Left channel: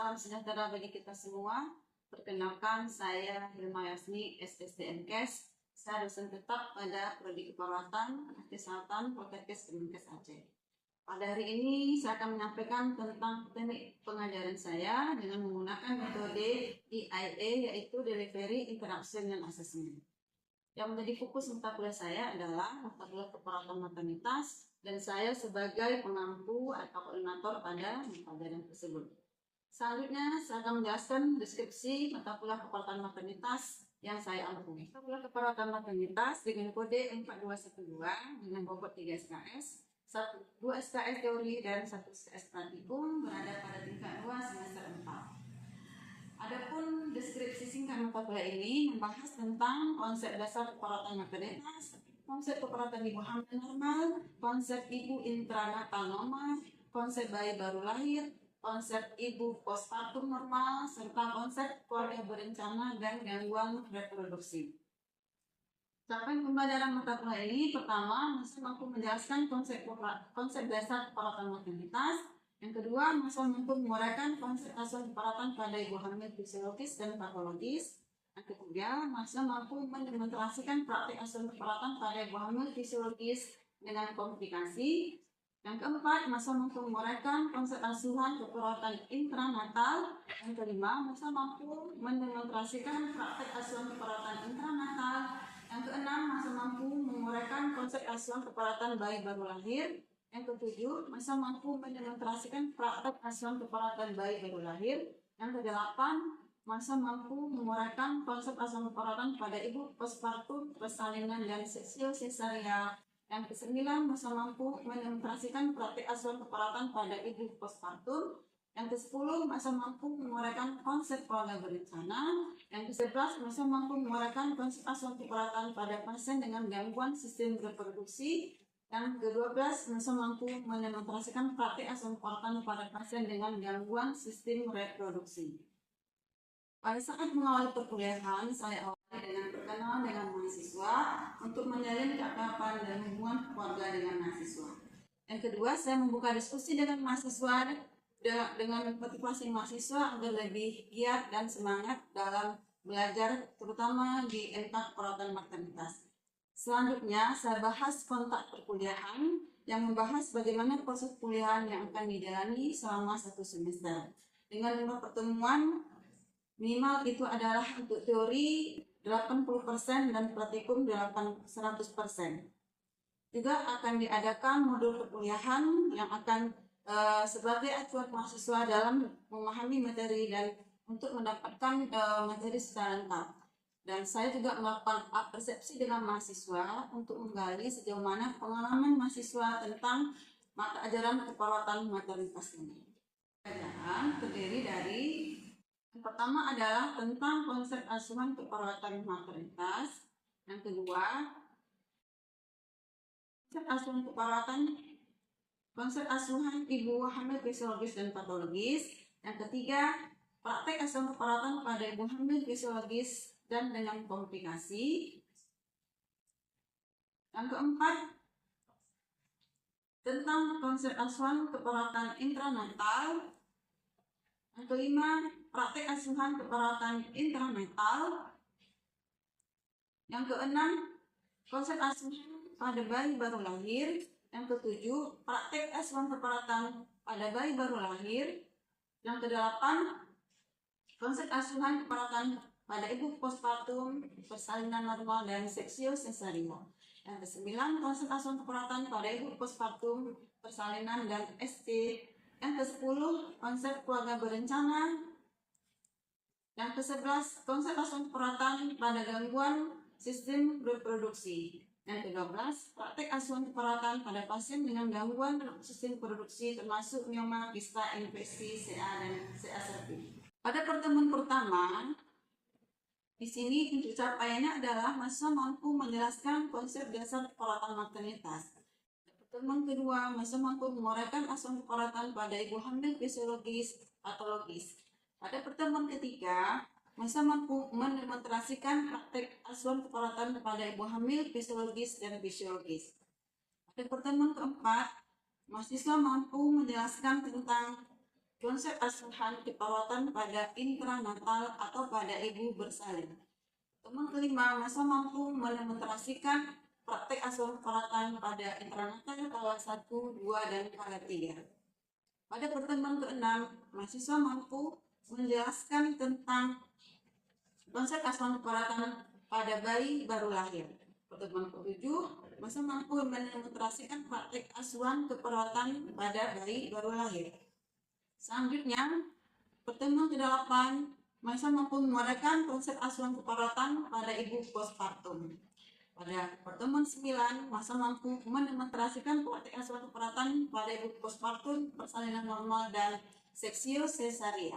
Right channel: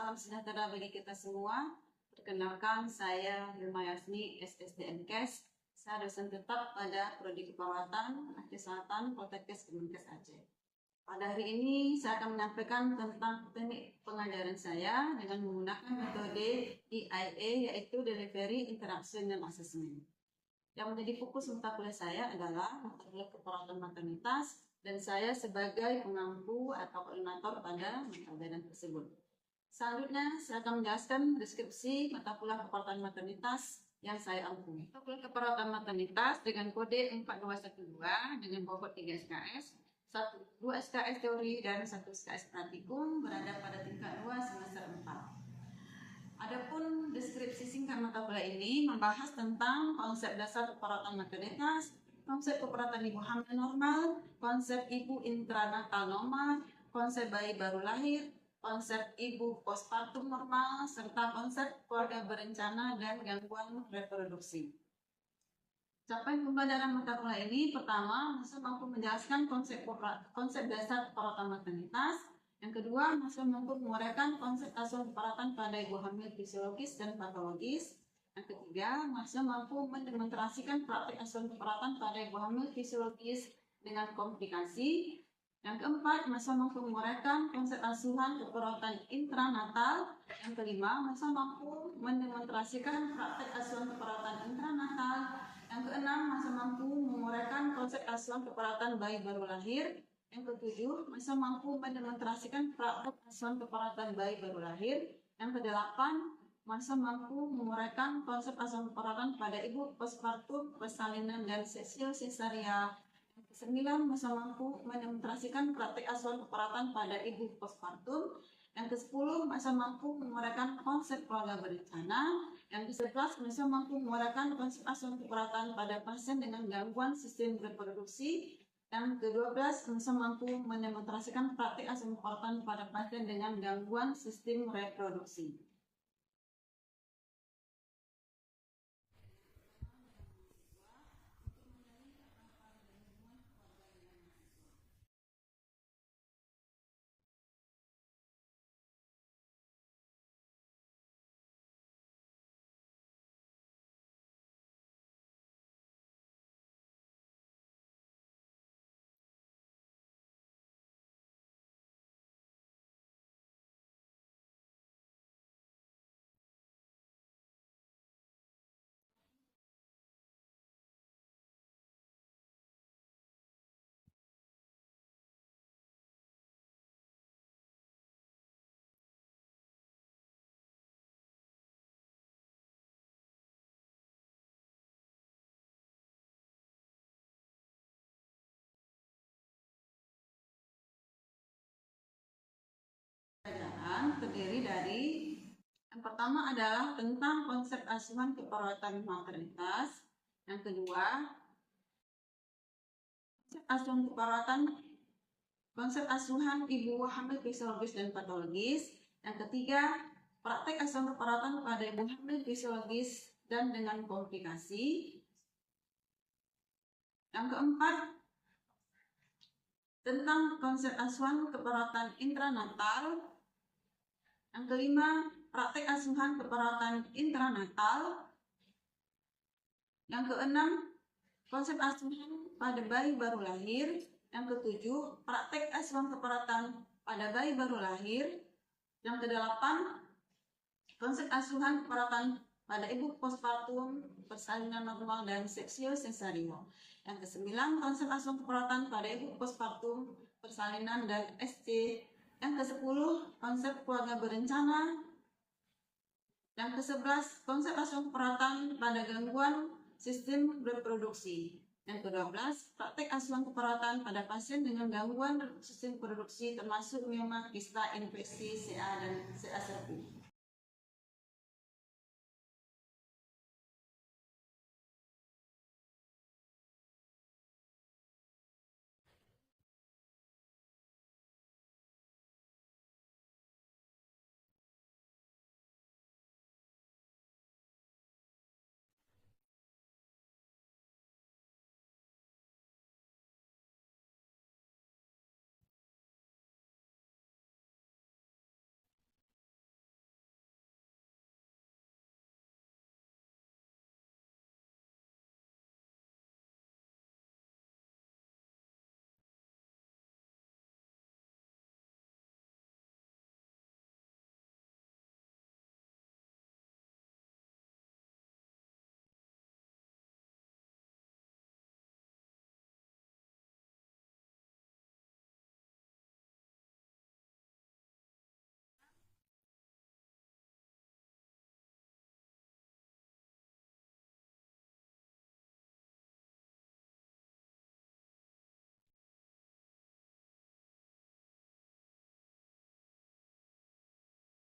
salam sejahtera bagi kita semua. Perkenalkan, saya Hilma Yasmi, SSDMKes. Saya dosen tetap pada Prodi Keperawatan Kesehatan Poltekkes Kemenkes Aceh. Pada hari ini saya akan menyampaikan tentang teknik pengajaran saya dengan menggunakan metode EIA, yaitu Delivery, Interaction, dan Assessment. Yang menjadi fokus mata kuliah saya adalah mata kuliah keperawatan maternitas, dan saya sebagai pengampu atau koordinator pada mata pelajaran tersebut. Selanjutnya, saya akan menjelaskan deskripsi mata kuliah keperawatan maternitas yang saya ampu. Mata kuliah keperawatan maternitas dengan kode 4212 dengan bobot 3 SKS, 2 SKS teori dan 1 SKS praktikum berada pada tingkat 2 semester 4. Adapun deskripsi singkat mata kuliah ini membahas tentang konsep dasar keperawatan maternitas, konsep keperawatan ibu hamil normal, konsep ibu intranatal normal, konsep bayi baru lahir, konsep ibu postpartum normal, serta konsep keluarga berencana dan gangguan reproduksi. Capaian pembelajaran mata kuliah ini pertama, masa mampu menjelaskan konsep dasar keperawatan maternitas. Yang kedua, masa mampu menguraikan konsep asuhan keperawatan pada ibu hamil fisiologis dan patologis. Yang ketiga, masa mampu mendemonstrasikan praktik asuhan keperawatan pada ibu hamil fisiologis dengan komplikasi. Yang keempat, masa mampu menguraikan konsep asuhan keperawatan intranatal. Yang kelima, masa mampu mendemonstrasikan praktik asuhan keperawatan intranatal. Yang keenam, masa mampu menguraikan konsep asuhan keperawatan bayi baru lahir. Yang ketujuh, masa mampu mendemonstrasikan praktik asuhan keperawatan bayi baru lahir. Yang kedelapan, masa mampu menguraikan konsep asuhan keperawatan pada ibu postpartum, persalinan, dan seksio sesaria. Yang kesembilan, masa mampu mendemonstrasikan praktik asuhan keperawatan pada ibu postpartum. Yang ke-10, masa mampu menguraikan konsep keluarga berencana. Yang ke-11, masa mampu menguraikan konsep asuhan keperawatan pada pasien dengan gangguan sistem reproduksi. Yang ke-12, masa mampu mendemonstrasikan praktik asuhan keperawatan pada pasien dengan gangguan sistem reproduksi. Pada saat mengawali perkuliahan, saya awali dengan perkenalan dengan mahasiswa untuk menjalin keakraban dan hubungan keluarga dengan mahasiswa. Yang kedua, saya membuka diskusi dengan mahasiswa dengan motivasi mahasiswa agar lebih giat dan semangat dalam belajar, terutama di MK keperawatan maternitas. Selanjutnya, saya bahas kontak perkuliahan yang membahas bagaimana proses perkuliahan yang akan dijalani selama 1 semester. Dengan 5 pertemuan, minimal itu adalah untuk teori 80% dan praktikum 100%. Juga akan diadakan modul perkuliahan yang akan sebagai acuan mahasiswa dalam memahami materi dan untuk mendapatkan materi secara lengkap. Dan saya juga melakukan persepsi dengan mahasiswa untuk menggali sejauh mana pengalaman mahasiswa tentang mata ajaran keperawatan maternitas ini. Pelajaran terdiri dari yang pertama adalah tentang konsep asuhan keperawatan maternitas. Yang kedua, konsep asuhan ibu hamil fisiologis dan patologis. Yang ketiga, praktek asuhan keperawatan pada ibu hamil fisiologis dan dengan komplikasi. Yang keempat, tentang konsep asuhan keperawatan intranatal. Yang kelima, praktek asuhan keperawatan intranatal. Yang keenam, konsep asuhan pada bayi baru lahir. Yang ketujuh, praktek asuhan keperawatan pada bayi baru lahir. Yang kedelapan, konsep asuhan keperawatan pada ibu postpartum, persalinan normal, dan seksio sesario. Yang kesembilan, konsep asuhan keperawatan pada ibu postpartum, persalinan, dan SC. Yang ke-10, konsep keluarga berencana. Yang ke-11, konsep asuhan keperawatan pada gangguan sistem reproduksi. Yang ke-12, praktek asuhan keperawatan pada pasien dengan gangguan sistem reproduksi termasuk mioma, kista, infeksi, CA, dan CA cervix. Pada pertemuan pertama, di sini untuk capaiannya adalah mahasiswa mampu menjelaskan konsep dasar keperawatan maternitas. Pertemuan kedua, mahasiswa mampu menguraikan asuhan keperawatan pada ibu hamil fisiologis patologis. Pada pertemuan ketiga, mahasiswa mampu mendemonstrasikan praktek asuhan keperawatan pada ibu hamil fisiologis dan fisiologis. Pada pertemuan keempat, mahasiswa mampu menjelaskan tentang Konsep asuhan keperawatan pada intranatal atau pada ibu bersalin. Teman kelima, masa mampu mendemonstrasikan praktek asuhan keperawatan pada intranatal kelas 1, 2, dan kelas 3. Pada pertemuan ke-6, mahasiswa mampu menjelaskan tentang konsep asuhan keperawatan pada bayi baru lahir. Pertemuan ke-7, masa mampu mendemonstrasikan praktek asuhan keperawatan pada bayi baru lahir. Selanjutnya, pertemuan ke-8, masa mampu menguraikan konsep asuhan keperawatan pada ibu postpartum. Pada pertemuan 9, masa mampu mendemonstrasikan praktek asuhan keperawatan pada ibu postpartum, persalinan normal, dan seksio cesaria.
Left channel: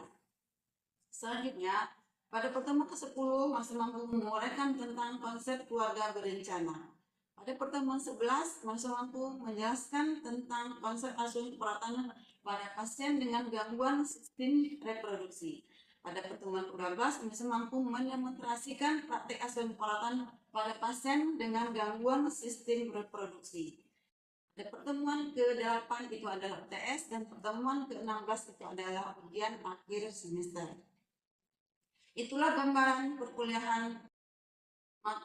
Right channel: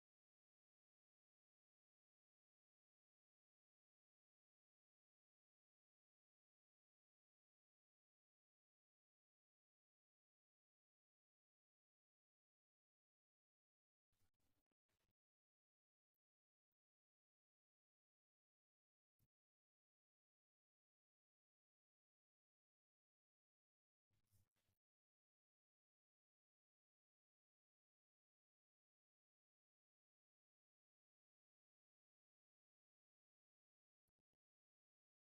Selanjutnya, pada pertemuan ke-10, masa mampu menguraikan tentang konsep keluarga berencana. Pada pertemuan 11, masa mampu menjelaskan tentang konsep asuhan keperawatan pada pasien dengan gangguan sistem reproduksi. Pada pertemuan ke-12, masa mampu mendemonstrasikan praktek asuhan keperawatan pada pasien dengan gangguan sistem reproduksi. Pada pertemuan ke-8 itu adalah UTS dan pertemuan ke-16 itu adalah ujian akhir semester. Itulah gambaran perkuliahan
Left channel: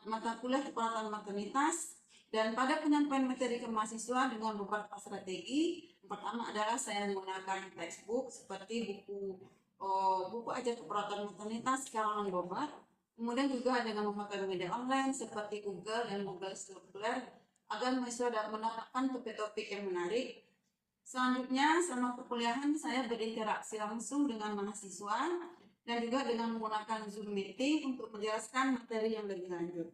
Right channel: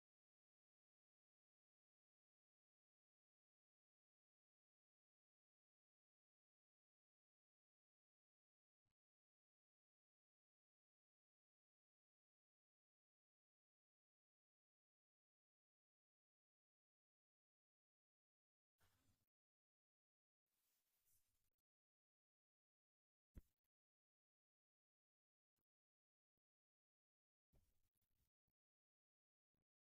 mata kuliah keperawatan maternitas, dan pada penyampaian materi ke mahasiswa dengan beberapa strategi. Pertama adalah saya menggunakan textbook seperti buku ajar keperawatan maternitas karangan Bobat. Kemudian juga dengan memakai media online seperti Google dan Google Scholar agar mahasiswa dapat mendapatkan topik-topik yang menarik. Selanjutnya, selama perkuliahan saya berinteraksi langsung dengan mahasiswa dan juga dengan menggunakan Zoom meeting untuk menjelaskan materi yang lebih lanjut.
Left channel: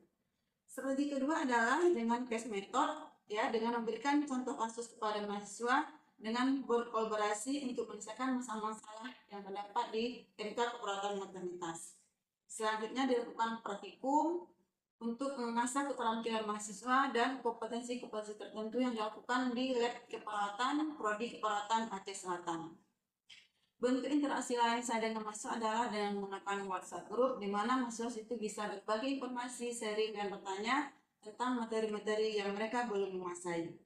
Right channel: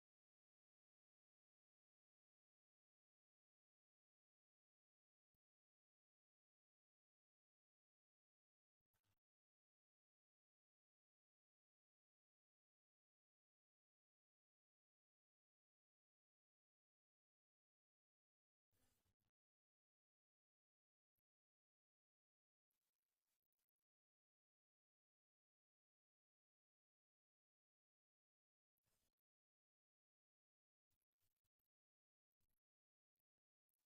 Strategi kedua adalah dengan case method, ya, dengan memberikan contoh kasus kepada mahasiswa dengan berkolaborasi untuk menyelesaikan masalah-masalah yang terdapat di MK keperawatan maternitas. Selanjutnya dilakukan praktikum untuk mengasah keterampilan mahasiswa dan kompetensi-kompetensi tertentu yang dilakukan di lab keperawatan Prodi Keperawatan Aceh Selatan. Bentuk interaksi lain saya dengan mahasiswa adalah dengan menggunakan WhatsApp group, di mana mahasiswa itu bisa berbagi informasi, sharing, dan bertanya tentang materi-materi yang mereka belum menguasai.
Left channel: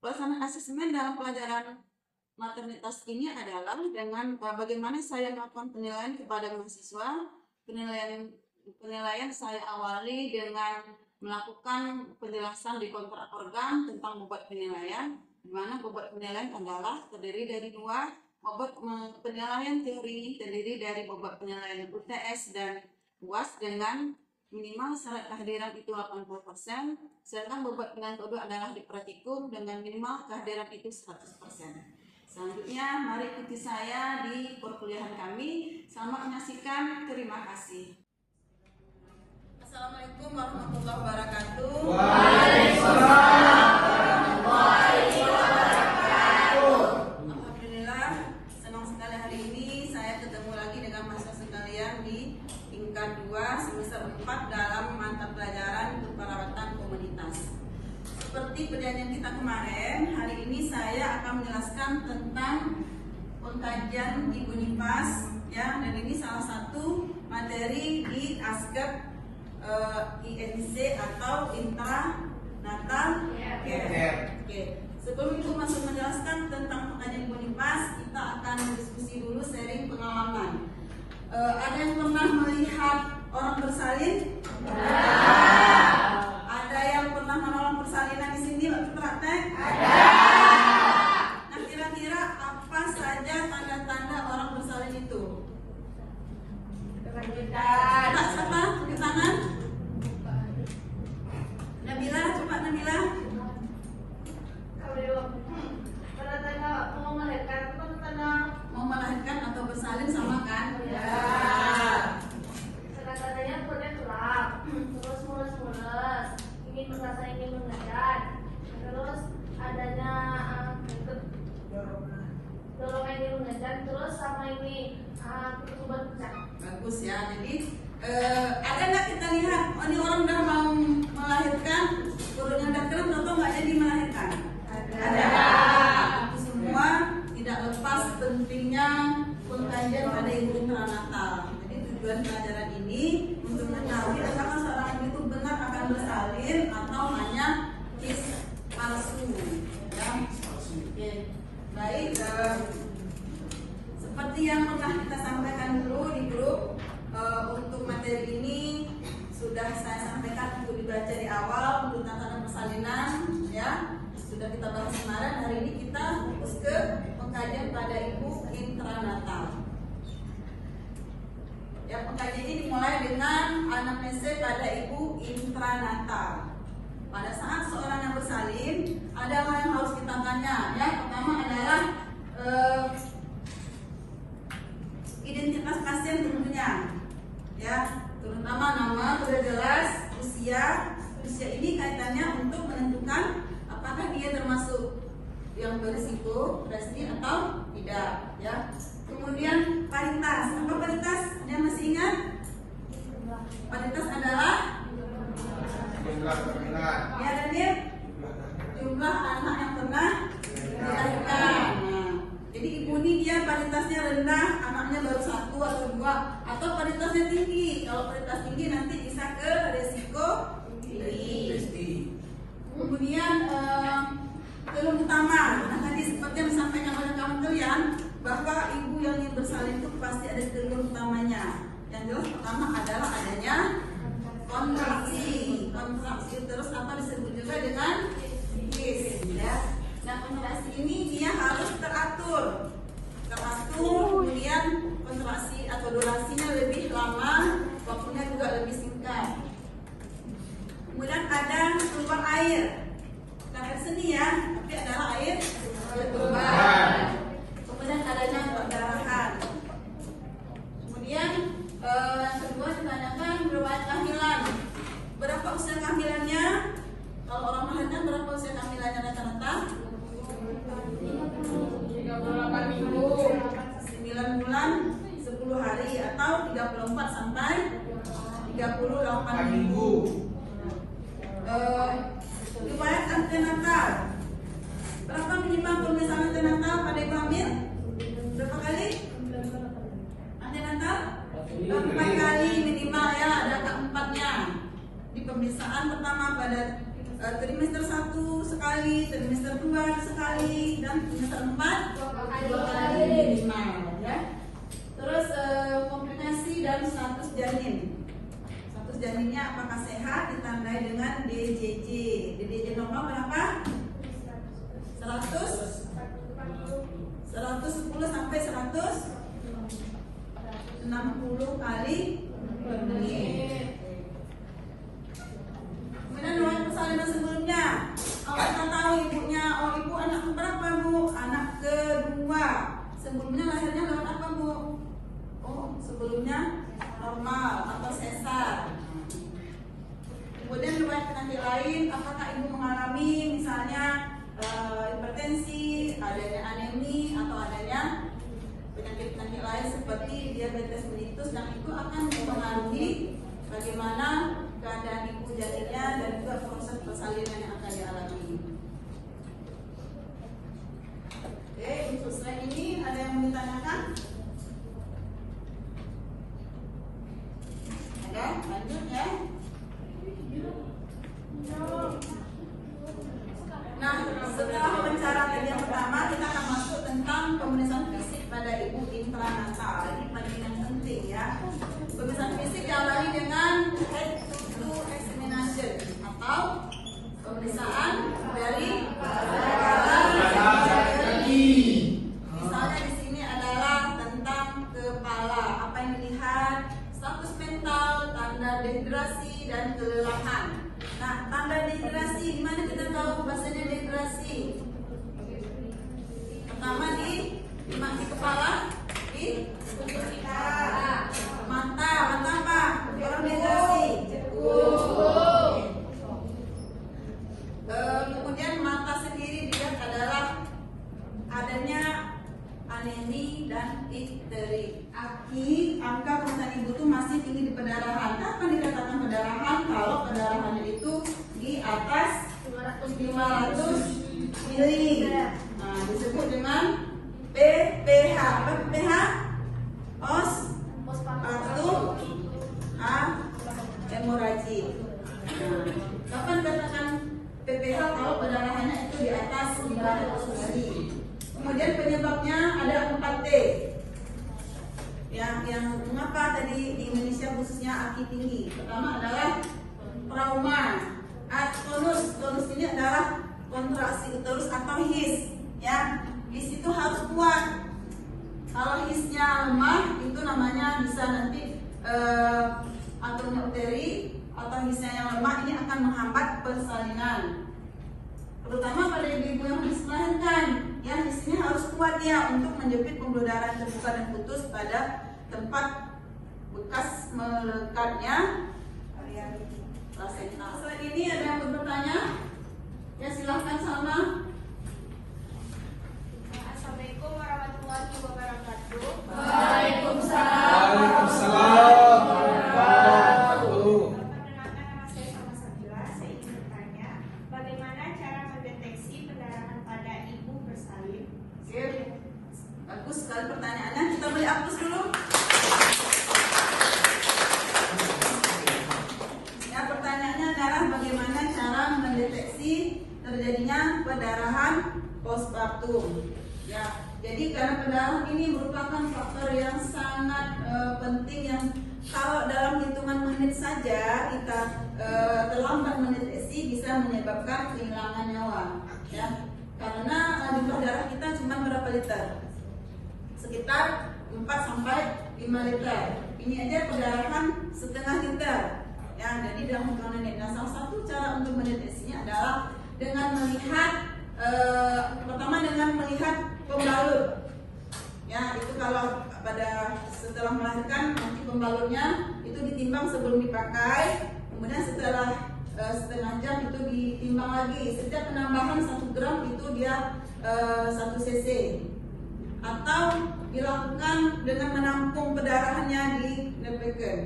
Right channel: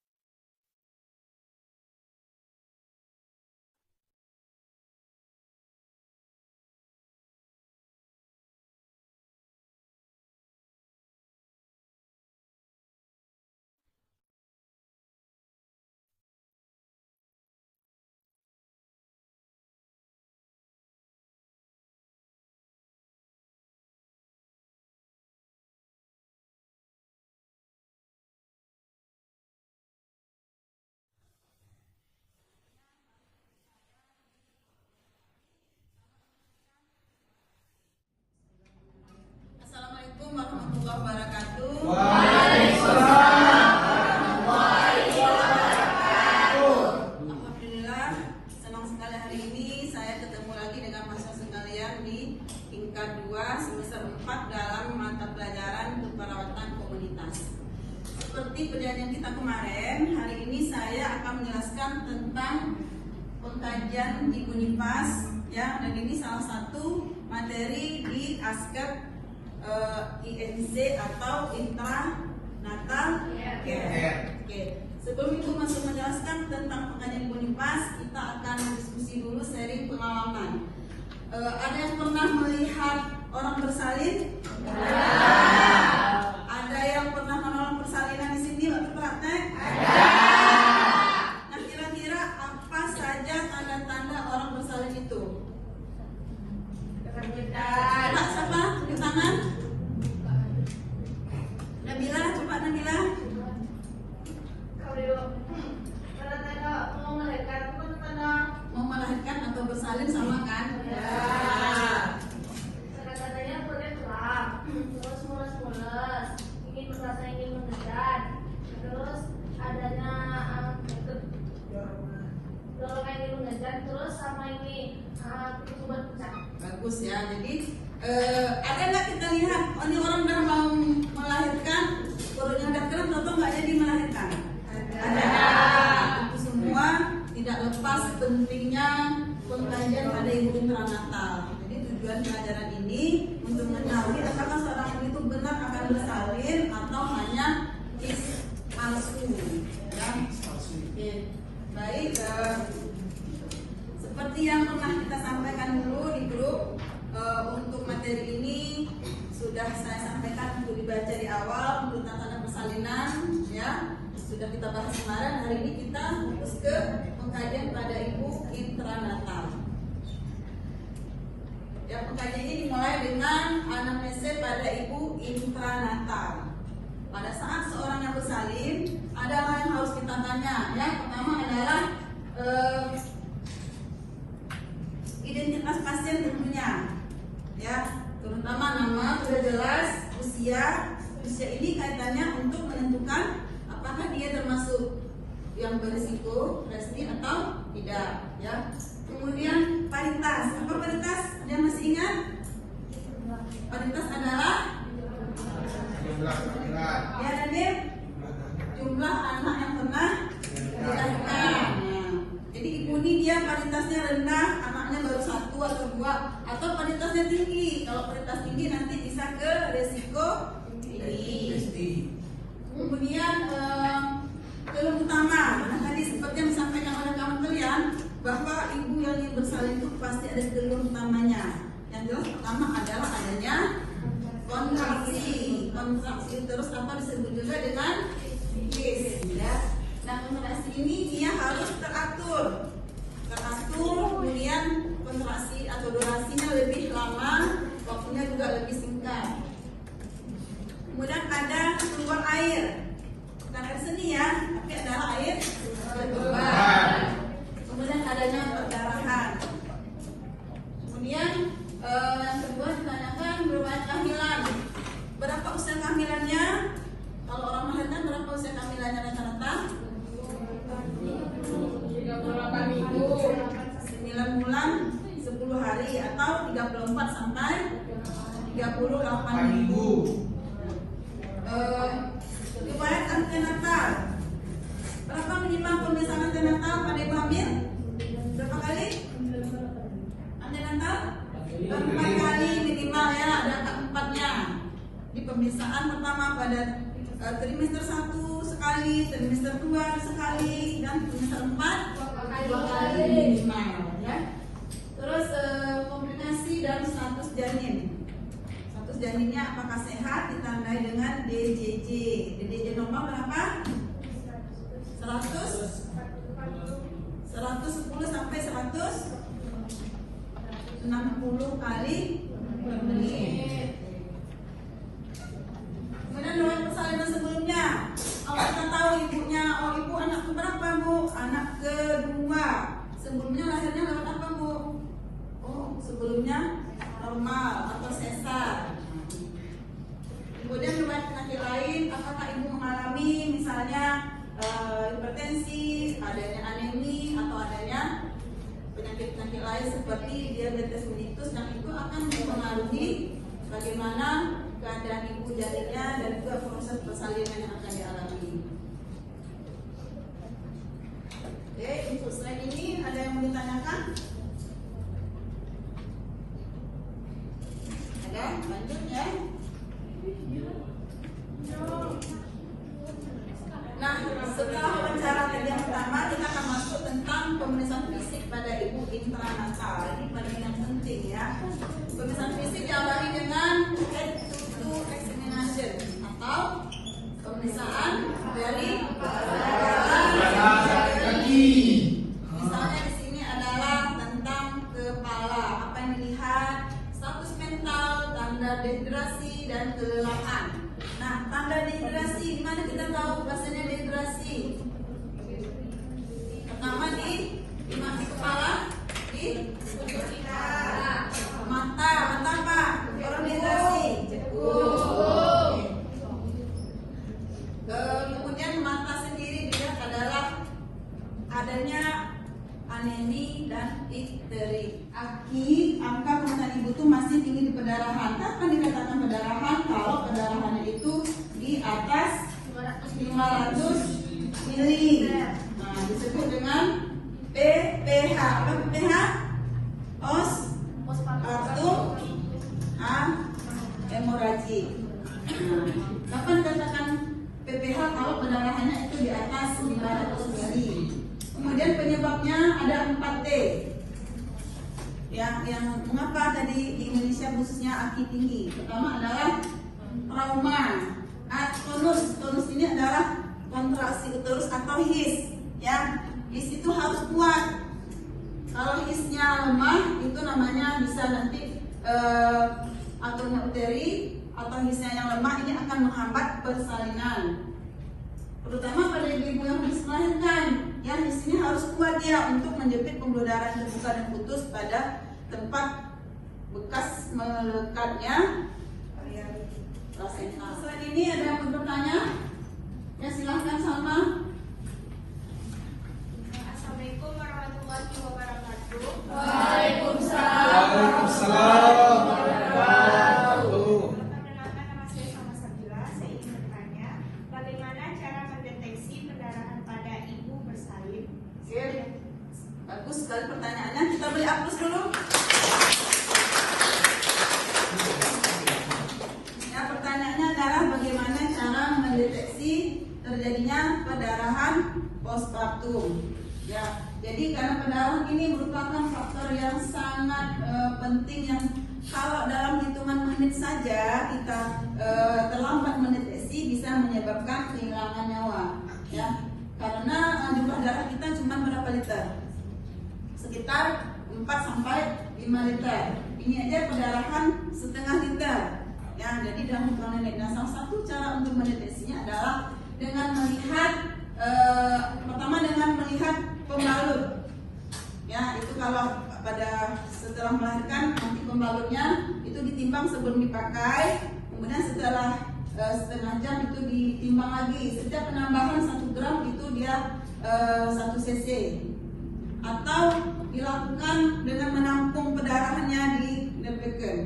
Pelaksanaan asesmen dalam pelajaran maternitas ini adalah dengan bagaimana saya melakukan penilaian kepada mahasiswa. Penilaian saya awali dengan melakukan penjelasan di kontrak organ tentang bobot penilaian, di mana bobot penilaian adalah terdiri dari dua. Bobot penilaian teori terdiri dari bobot penilaian UTS dan UAS dengan minimal syarat kehadiran itu 80%, sedangkan bobot penilaian kedua adalah di praktikum dengan minimal kehadiran itu 100%. Selanjutnya, mari ikuti saya di perkuliahan kami. Selamat menyaksikan, terima kasih. Assalamualaikum warahmatullahi wabarakatuh. Waalaikumsalam. Hari ini saya ketemu lagi dengan mahasiswa sekalian di tingkat 2 semester 4 dalam mata pelajaran keperawatan komunitas. Seperti perjanjian kita kemarin, hari ini saya akan menjelaskan tentang pengkajian di Unipas, ya, dan ini salah satu materi di ASKEP INC atau Intranatal Care. Sebelum itu masuk menjelaskan tentang pengkajian Unipas, kita akan berdiskusi dulu, sharing pengalaman. Ada yang pernah melihat orang bersalin? Ada yang pernah menolong persalinan di sini waktu praktek? Nah, kira-kira apa saja tanda-tanda orang bersalin itu? Coba siapa? Tunjuk tangan. Nabila, coba Nabila. Mau melahirkan atau bersalin sama kan? Ya. Tanda-tandanya perutnya tulang, terus mules-mules, ingin merasa ingin mengejar, terus adanya dorongan ingin mengejar, terus sama ini pertumbuhan pecah. Bagus ya. Jadi ada nggak kita lihat, oh ini orang udah mau melahirkan, perutnya udah kering atau nggak jadi melahirkan? Ada. Itu semua tidak lepas pentingnya pengkajian pada ibu intranatal. Jadi tujuan pelajaran ini untuk mengetahui apakah seorang ibu itu benar akan bersalin atau hanya palsu. Ya. Oke. Baik. pernah kita sampaikan dulu di grup. Untuk materi ini sudah saya sampaikan untuk dibaca di awal untuk tatanan persalinan, ya sudah kita bahas kemarin. Hari ini kita fokus ke pengkajian pada ibu intranatal. Ya, pengkajian ini dimulai dengan anamnesa pada ibu intranatal. Pada saat seorang yang bersalin, ada hal yang harus kita tanya. Yang pertama adalah identitas pasien tentunya, ya, terutama nama sudah jelas, usia ini kaitannya untuk menentukan apakah dia termasuk yang berisiko resi atau tidak, ya. Kemudian paritas, apa paritas? Anda masih ingat? Paritas adalah ya, Nadir, jumlah anak yang pernah dilahirkan. Jadi ibu ini dia paritasnya rendah, anaknya baru 1 atau 2, atau paritasnya tinggi. Kalau paritas tinggi nanti bisa ke resiko tinggi. Kemudian keluh utama, karena tadi seperti yang disampaikan oleh kawan kalian bahwa ibu yang ingin bersalin itu pasti ada keluh utamanya. Yang jelas pertama adalah adanya kontraksi, terus apa disebut juga dengan his, ya. Nah, kontraksi ini dia harus teratur, kemudian kontraksi atau durasinya lebih lama, waktunya juga lebih singkat. Kemudian ada keluar air, bukan air seni ya, tapi adalah air keluar. Kemudian adanya perdarahan. Kemudian yang kedua ditanyakan riwayat kehamilan. Berapa usia kehamilannya? Kalau orang melahirkan berapa usia kehamilannya rata-rata? 9 bulan 10 hari atau 34 sampai 38 minggu. Riwayat antenatal. Berapa minimal pemeriksaan antenatal pada ibu hamil? Berapa kali? Antenatal? 4 kali minimal, ya, ada keempatnya. Di pemeriksaan pertama pada trimester 1 sekali, trimester 2 sekali, dan trimester 4 2 kali minimal, ya. Terus komplikasi dan status janin. Status janinnya apakah sehat ditandai dengan DJJ. DJJ normal berapa? 110 sampai 160 kali per menit. Kemudian riwayat persalinan sebelumnya. Kalau kita tahu ibunya, ibu anak berapa bu? Anak kedua. Sebelumnya lahirnya lewat apa bu? Sebelumnya normal atau sesar. Kemudian riwayat penyakit lain, apakah ibu mengalami misalnya hipertensi, adanya anemi, atau adanya penyakit-penyakit lain seperti diabetes mellitus, yang itu akan mempengaruhi bagaimana keadaan ibu janinnya dan juga proses persalinan yang akan dialami. Oke, untuk slide ini ada yang mau ditanyakan? Ada, lanjut ya. Nah, setelah wawancara tadi yang pertama, kita akan masuk tentang pemeriksaan fisik pada ibu intranatal. Ini paling yang penting, ya. Pemeriksaan fisik diawali dengan head to examination atau pemeriksaan dari misalnya di sini adalah tentang kepala, apa yang dilihat, status mental, tanda dehidrasi dan kelelahan. Nah, tanda dehidrasi, di mana kita tahu bahasanya dehidrasi? Pertama di kepala, di mata apa? Orang dehidrasi. Kemudian mata sendiri dilihat adalah adanya anemi dan difteri. Angka pemeriksaan ibu itu masih tinggi di perdarahan. Kapan dikatakan perdarahan? Kalau perdarahannya itu di atas 500 mili. Nah, disebut dengan PPH. Apa PPH? Hemoragik. Kapan dikatakan PPH? Kalau perdarahannya itu di atas 500 mili. Kemudian penyebabnya ada 4T. yang mengapa tadi di Indonesia khususnya aki tinggi. Pertama adalah trauma. Tonus ini adalah kontraksi uterus atau his. Ya, his itu harus kuat. Kalau hisnya lemah itu namanya bisa nanti atom uteri atau hisnya yang lemah ini akan menghambat persalinan. Terutama pada ibu-ibu yang habis melahirkan, yang hisnya harus kuat ya untuk menjepit pembuluh darah yang terbuka dan putus pada tempat bekas melekatnya plasenta. Selain ini ada yang bertanya? Ya silahkan Salma. Assalamualaikum warahmatullahi wabarakatuh. Waalaikumsalam. Perkenalkan, nama saya Salma Sabila. Saya ingin bertanya, bagaimana cara mendeteksi perdarahan pada ibu bersalin? Oke, bagus sekali pertanyaannya. Kita beri hapus dulu. Ya, pertanyaannya adalah bagaimana cara mendeteksi terjadinya perdarahan postpartum. Ya, jadi karena perdarahan ini merupakan faktor yang sangat penting yang kalau dalam hitungan menit saja kita terlambat mendeteksi bisa menyebabkan kehilangan nyawa. Ya, karena jumlah darah kita cuma berapa liter? Sekitar 4 sampai 5 liter. Ini aja perdarahan setengah liter. Ya, jadi dalam hitungan menit. Nah, salah satu cara untuk mendeteksinya adalah dengan melihat pertama dengan melihat pembalut. Ya, itu kalau pada setelah melahirkan nanti pembalutnya itu ditimbang sebelum dipakai, kemudian setelah setengah jam itu ditimbang lagi. Setiap penambahan 1 gram itu dia 1 cc. Atau dilakukan dengan menampung pendarahannya di Lepeken.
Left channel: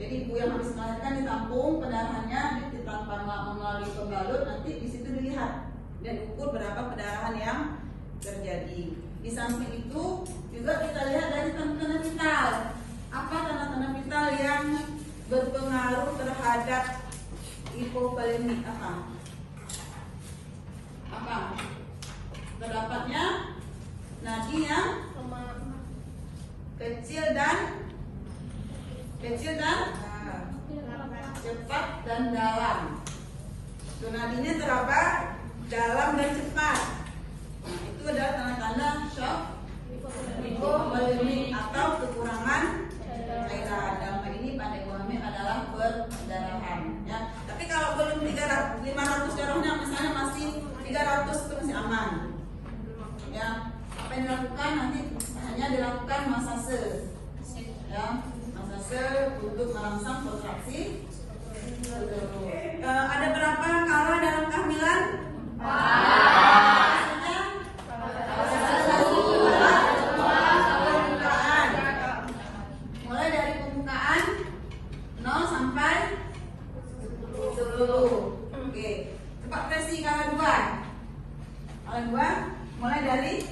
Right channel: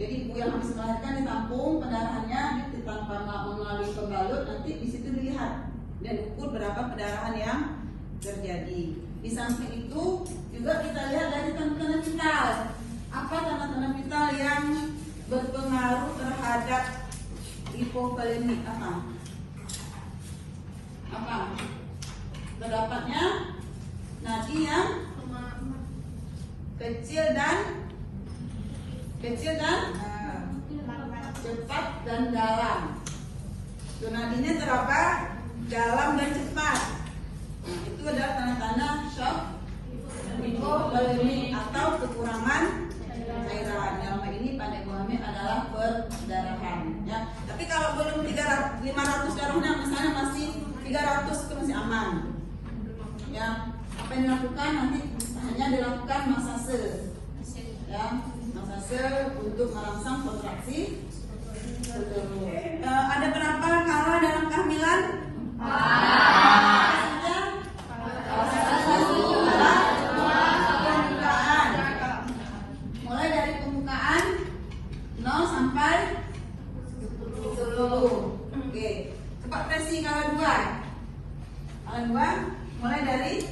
Jadi ibu yang habis melahirkan ditampung pendarahannya tanpa melalui pembalut, nanti di situ dilihat dan ukur berapa pendarahan yang terjadi. Di samping itu juga kita lihat dari tanda-tanda vital. Apa tanda-tanda vital yang berpengaruh terhadap hipovolemik? Apa? Pendapatnya nadi yang kecil dan cepat dan dalam. Nadinya terapa dalam dan cepat. Nah, itu adalah tanda-tanda shock hipovolemik atau kekurangan cairan. Dalam hal ini pada ibu hamil adalah perdarahan. Ya. Tapi kalau belum 500 darahnya misalnya masih 300 itu masih aman. Ya, apa yang dilakukan nanti hanya dilakukan masase. Ya, masase untuk merangsang kontraksi. Ada berapa kala dalam kehamilan? Pembukaan. Mulai dari pembukaan 0 sampai 10. Oke. Cepat versi kala 2. Kala 2 mulai dari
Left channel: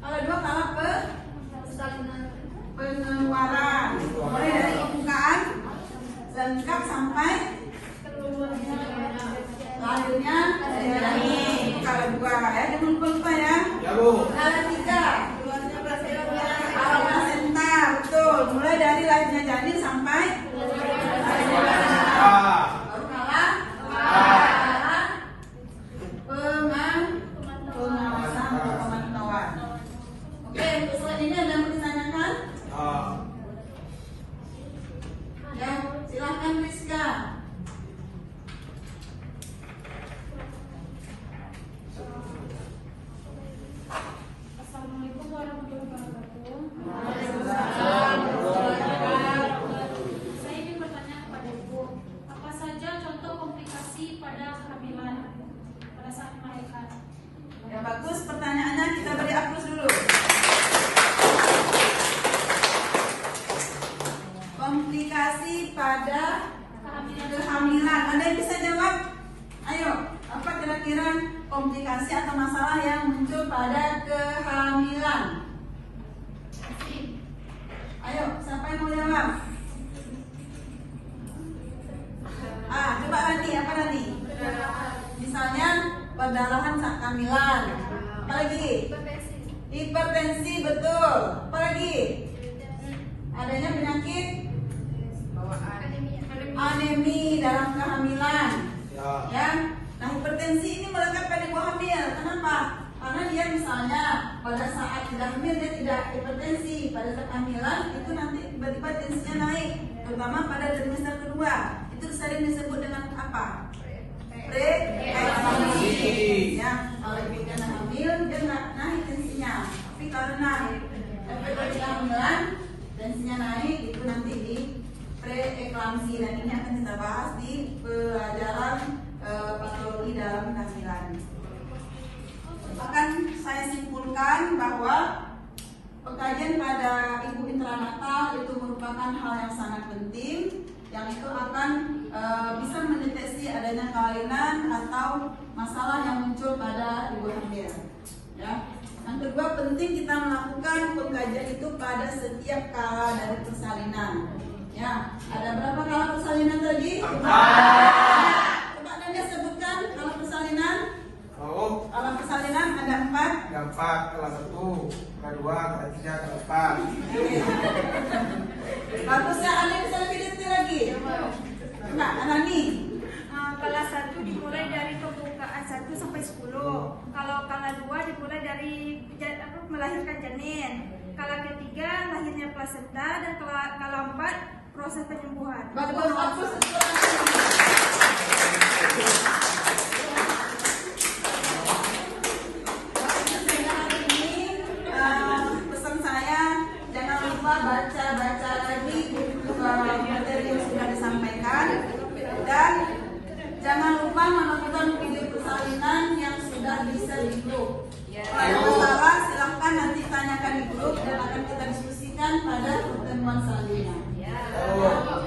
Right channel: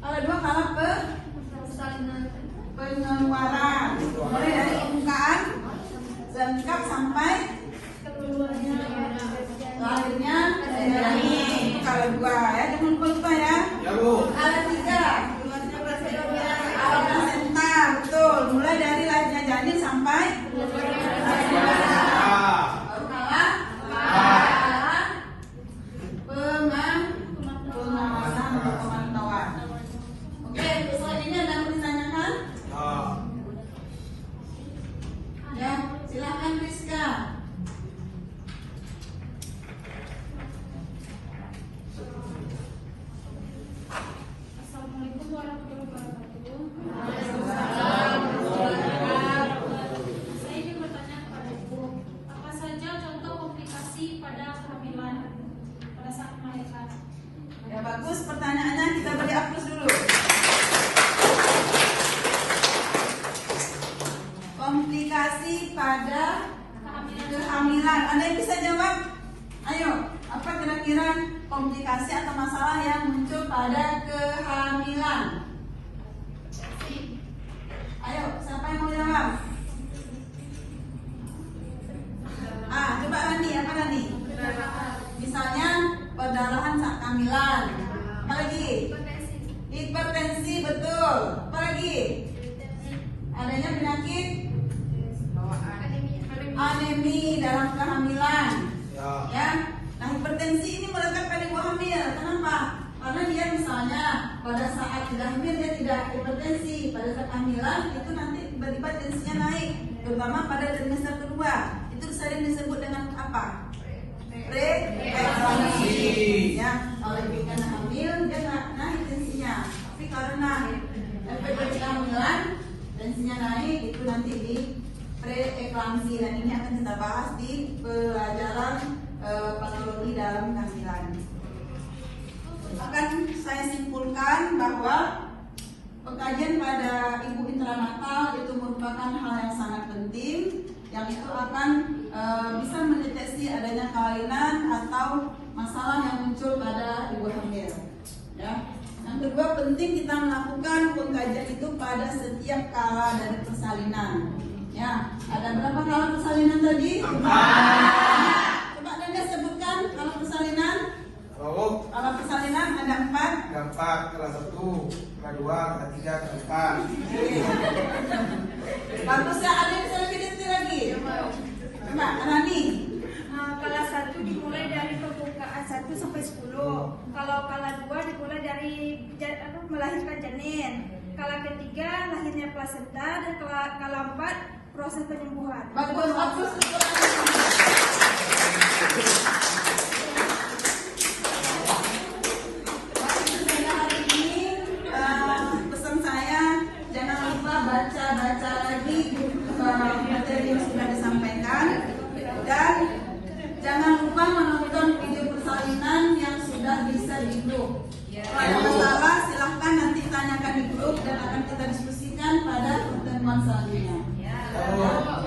kala 2 kala pengeluaran. Mulai dari pembukaan lengkap sampai selanjutnya janin. Kala 2 ya, jangan lupa ya. Kala 3 plasenta, betul. Mulai dari lahirnya janin sampai pemanasan tawar. Oke, untuk ini ada yang mau ditanyakan? Ya, silakan Rizka. Assalamualaikum warahmatullahi wabarakatuh. Saya ingin bertanya kepada Ibu, apa saja contoh komplikasi pada kehamilan pada saat melahirkan? Ya bagus pertanyaannya, kita beri aplaus dulu. Komplikasi pada kehamilan. Anda yang bisa jawab? Ayo, apa kira-kira komplikasi atau masalah yang muncul pada kehamilan? Ayo, siapa yang mau jawab? Coba Rani, apa Rani? Misalnya perdarahan saat kehamilan. Apa lagi? Hipertensi, betul. Apa lagi? Adanya penyakit anemi dalam kehamilan. Ya. Nah, hipertensi ini melekat pada ibu hamil. Kenapa? Karena dia misalnya pada saat sudah hamil dia tidak hipertensi, pada saat kehamilan itu nanti tiba-tiba tensinya naik, terutama pada trimester kedua. Itu sering disebut dengan apa? Preeklamsi. Ya, kalau dia kena hamil dia naik tensinya. Tapi karena efek dari kehamilan tensinya naik, itu nanti di preeklamsi, dan ini akan kita bahas di pelajaran patologi dalam kehamilan. Akan saya simpulkan bahwa pengkajian pada ibu intranatal itu merupakan hal yang sangat penting, yang itu akan bisa mendeteksi adanya kelainan atau masalah yang muncul pada ibu hamil. Ya. Yang kedua, penting kita melakukan pengkajian itu pada setiap kala dari persalinan. Ya, ada berapa kala persalinan tadi? 4. Coba Anda sebutkan kala persalinan. Kala persalinan ada 4. Ada 4, kelas 1, kedua, ketiga, keempat. Bagusnya ada yang bisa lebih detail lagi. Coba, Anani. Kelas 1 dimulai dari pembukaan 1 sampai 10. Kalau kala 2 dimulai dari melahirkan janin. Kala ketiga lahirnya plasenta, dan kala 4 proses penyembuhan. Bagus. Hari ini pesan saya, jangan lupa baca lagi materi yang sudah disampaikan, dan jangan lupa menonton video persalinan yang sudah bisa di grup. Kalau ada masalah silahkan nanti tanyakan di grup dan akan kita diskusikan pada pertemuan selanjutnya.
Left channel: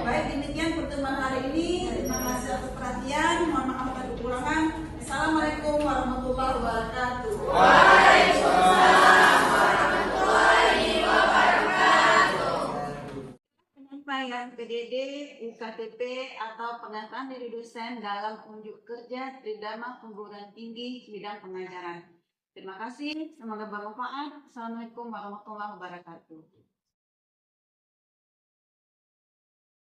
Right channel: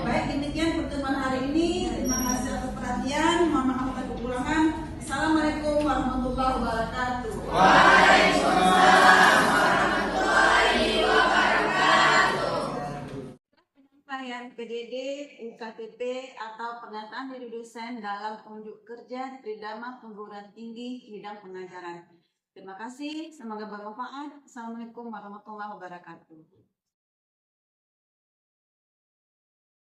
Baik, demikian pertemuan hari ini. Terima kasih atas perhatian. Mohon maaf atas kekurangan. Assalamualaikum warahmatullahi wabarakatuh. Penyampaian PDD, UKTP atau pernyataan diri dosen dalam unjuk kerja Tridharma Perguruan Tinggi bidang pengajaran. Terima kasih, semoga bermanfaat. Assalamualaikum warahmatullahi wabarakatuh.